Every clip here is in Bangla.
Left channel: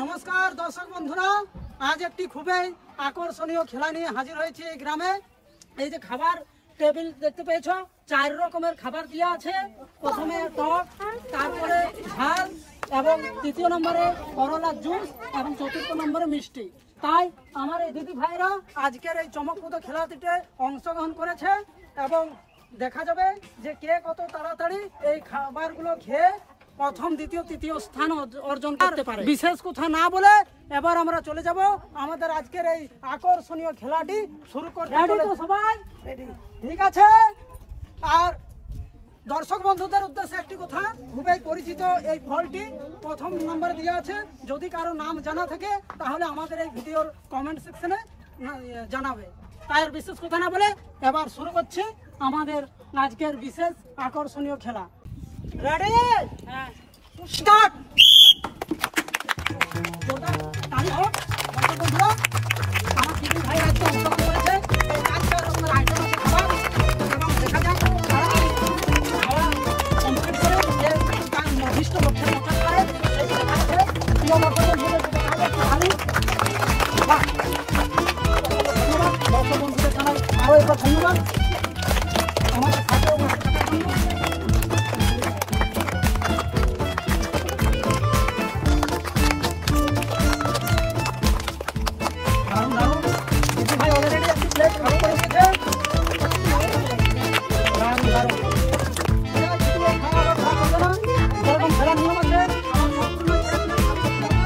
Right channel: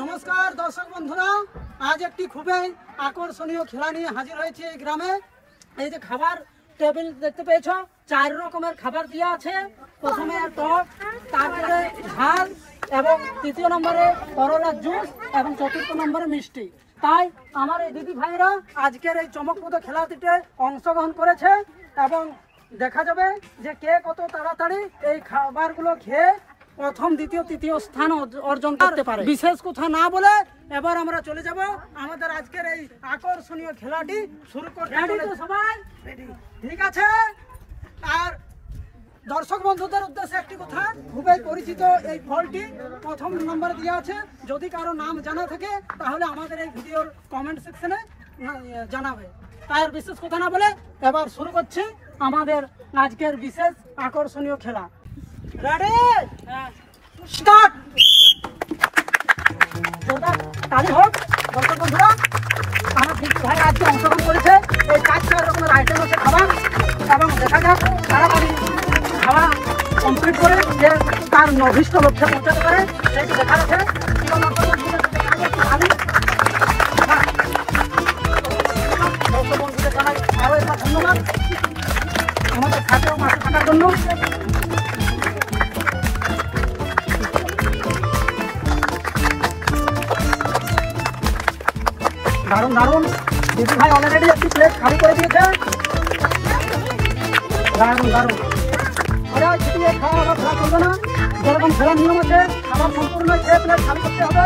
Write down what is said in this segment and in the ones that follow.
নমস্কার দর্শক বন্ধুরা, আজ একটি খুবই আকর্ষণীয় খেলা নিয়ে হাজির হয়েছে এই গ্রামে। এই যে খাবার টেবিল দেখতে পেয়েছ, 4 রকমের খাবার দেওয়া আছে। প্রথমে টক, তারপরে ঝাল এবং তৃতীয় নম্বরে করলা জুস এবং চতুর্থ নম্বরে মিষ্টি। তাই আমার এই দিদি ভাইরা আজকের এই চমকপ্রদ খেলাটিতে অংশগ্রহণ করেছে এবং দেখা যাবে যে কে কত তাড়াতাড়ি এই খাবারগুলো খেয়ে প্রথম, দ্বিতীয়, তৃতীয় স্থান অর্জন করতে পারে। বিশেষ কথা না বলে এবার আমরা চলে যাব আমাদের আজকের এই আকর্ষণীয় খেলাটি শুরু করতে। সবাই ঠিক আছে? আর দর্শক বন্ধুদের উদ্দেশ্যে একটি কথা, খুবই পরিচিত এই ফলটি প্রথম নম্বরে দেওয়া আছে। যদি কারো নাম জানা থাকে তাহলে আমাদের এই ভিডিওর কমেন্ট সেকশনে জানাবে। তাই বিশেষ কথা না বলে এবার শুরু করছি আমাদের আজকের বিশেষ আকর্ষণীয় খেলা। রেডি? স্টার্ট! তাহলে হোক দর্শক বন্ধুরা, আমার দিদি ভাই আজকে অংশগ্রহণ করেছে। এই 4 রকমের আইটেম হচ্ছে খাবার এবং দেখা যাক তাড়াতাড়ি খাওয়া কমপ্লিট করে যে তার অভিষ্ট লক্ষ্যে পৌঁছাতে পারে। সেই দেখা যাচ্ছে প্রিয় দর্শক বন্ধুদের জানাই আরো একবার ধন্যবাদ আমাদের খাতেও মাঠে থাকার জন্য। দারুণ দারুণ, দিদি ভাই অলরেডি একটি প্লেট খালি করে দিয়েছেন। দারুণ দারুণ। যেরকম খেলার নিয়ম আছে, খাবার সম্পূর্ণ খেয়ে প্লেট খালি করতে হবে।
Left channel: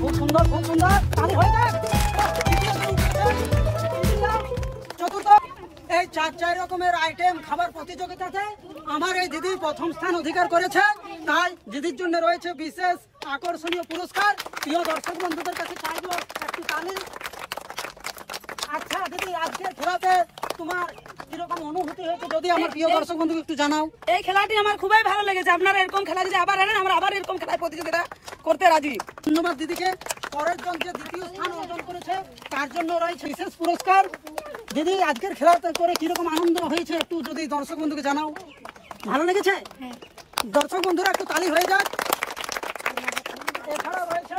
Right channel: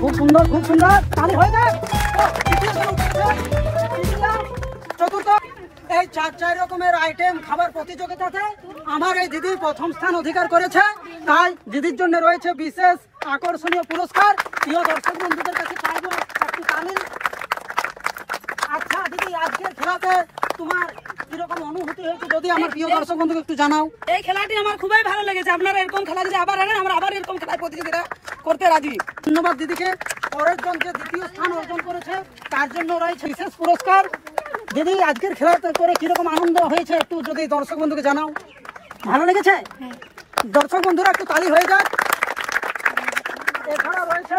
খুব সুন্দর, খুব সুন্দর। চতুর্থ, এই 4 রকমের আইটেম খাবার প্রতিযোগিতাতে আমার এই দিদি প্রথম স্থান অধিকার করেছে। তাই দিদির জন্য রয়েছে বিশেষ আকর্ষণীয় পুরস্কার। প্রিয় দর্শক বন্ধুদের কাছে চাইবো একটু তালি। আচ্ছা দিদি, আজকের খেলাতে তোমার কিরকম অনুভূতি হয়েছে যদি আমার প্রিয় দর্শক বন্ধুকে একটু জানাও। এই খেলাটি আমার খুবই ভালো লেগেছে। আপনারা এরকম খেলা যদি আবার আনেন, আমরা আবার এরকম খেলায় প্রতিযোগিতা করতে রাজি। ধন্যবাদ দিদিকে। পরের জন যে দ্বিতীয় স্থান অর্জন করেছে তার জন্য রয়েছে বিশেষ পুরস্কার। দিদি, আজকের খেলাতে করে কিরকম আনন্দ হয়েছে একটু যদি দর্শক বন্ধুকে জানাও। ভালো লেগেছে? দর্শক বন্ধুরা একটু তালি হয়ে যাক। এছাড়া রয়েছে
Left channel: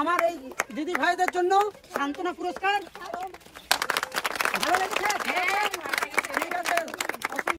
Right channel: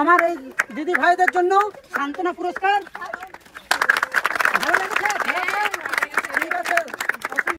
আমার এই দিদি ভাইদের জন্য সান্ত্বনা পুরস্কার। ভালো লেগেছে?